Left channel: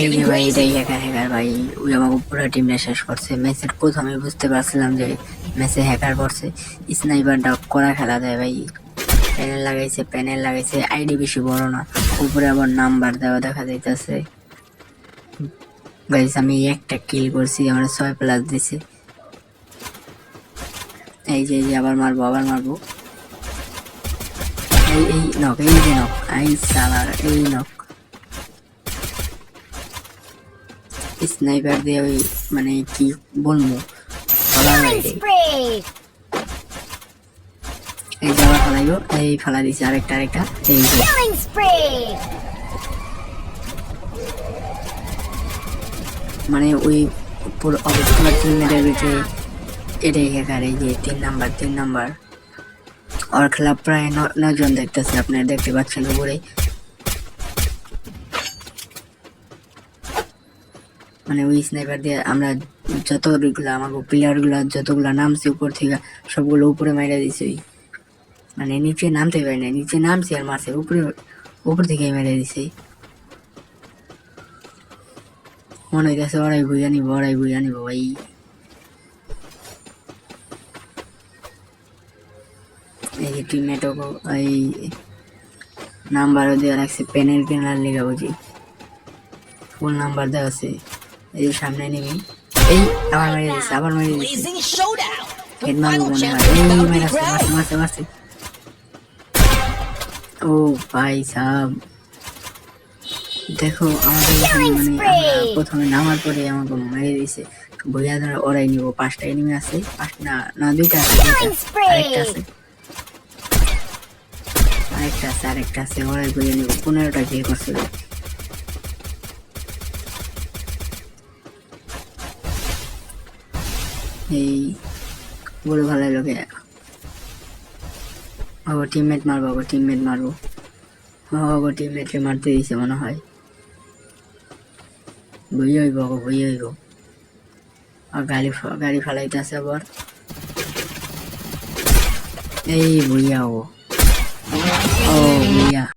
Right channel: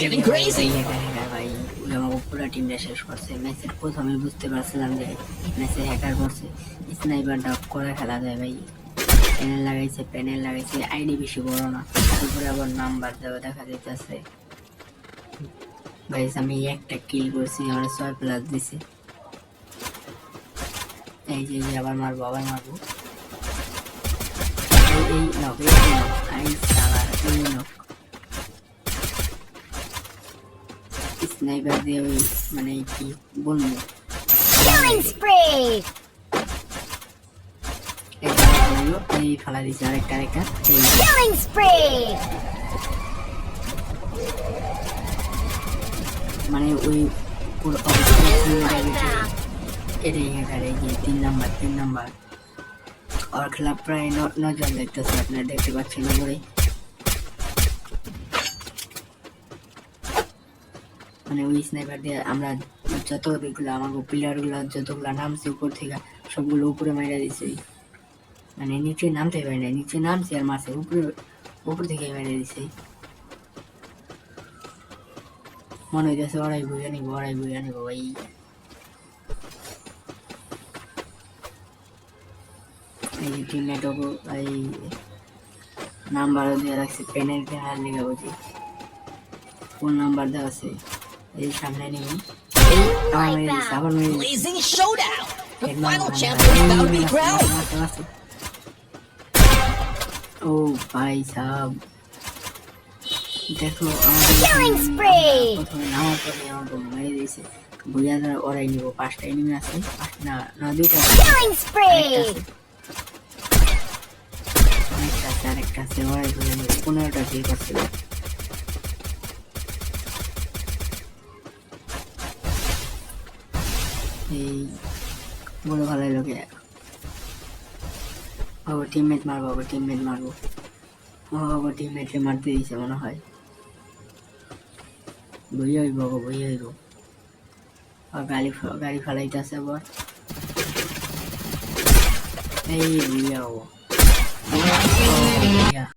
getting crazy. ভাই ওই আমাকে পুরো টিমটা শেষ করছে। ম্যাচের প্রথমে বুঝতে পারছিলাম যে ম্যাচে হ্যাকার করছে। স্নাইপার ডাক করা খেলা দেয় ভাই, প্যানেল লাগাইছে আইডি বেশি বড় না, উপরে আবার নাম্বার দেওয়া দেখা যাইতেছে। গাইস আমি একটা কিল করছি, আমার 6+ দিছে। এই যে আবার মারবো এই নক আই সালা এই নক স্নাইপার দিয়ে মানে কি বলবো। এই ফালা দিছে আরেকটা মানে ওই পুরো এটাই হ্যাকার। এই যে 3 নাম্বার ওর খেলা প্রায় 9 জন দেখতেছে, আপনারা দেখতে পাচ্ছেন উপরে। মানে ওই স্নাইপার দিয়ে আমরা যতগুলো আমাকে প্লেয়ারগুলো যতগুলো নামছে উপর থেকে সবগুলো উপরে মেরে দিছে। মানে নিচে নামতে পারি না, নিচে নামছি আর মারছে উপর থেকে মেরে দিছে। মনে হইতেছে ওরাই বুঝে নিব ভাই। এই যে টিমমেটও এই নাম্বারও দেওয়া রাখছে, পেনের লেখা বুঝি ফোন নাম্বার দেওয়া আছে। এই সামনে নেই আবার Blazing showdown. The final champion is about to be crowned. ও ভাই সাহেব দেখো প্রথমে নামার পরে আমাকে মেরে দিয়েছে। বইয়া ধরা ওরাই নিব, 5টা এনিমি আছে, 2টা আরেকটা আছে ওরাই বইয়া নিব। 15টা কিল করছিল। এই বড় ভালো লোকে আবার টিমমেট মারবো টিমমেটকে মারতে দিয়েছে মনে হয়। বই হইব আর গাড়ি ফালাইতেছে আবার। এই বইয়া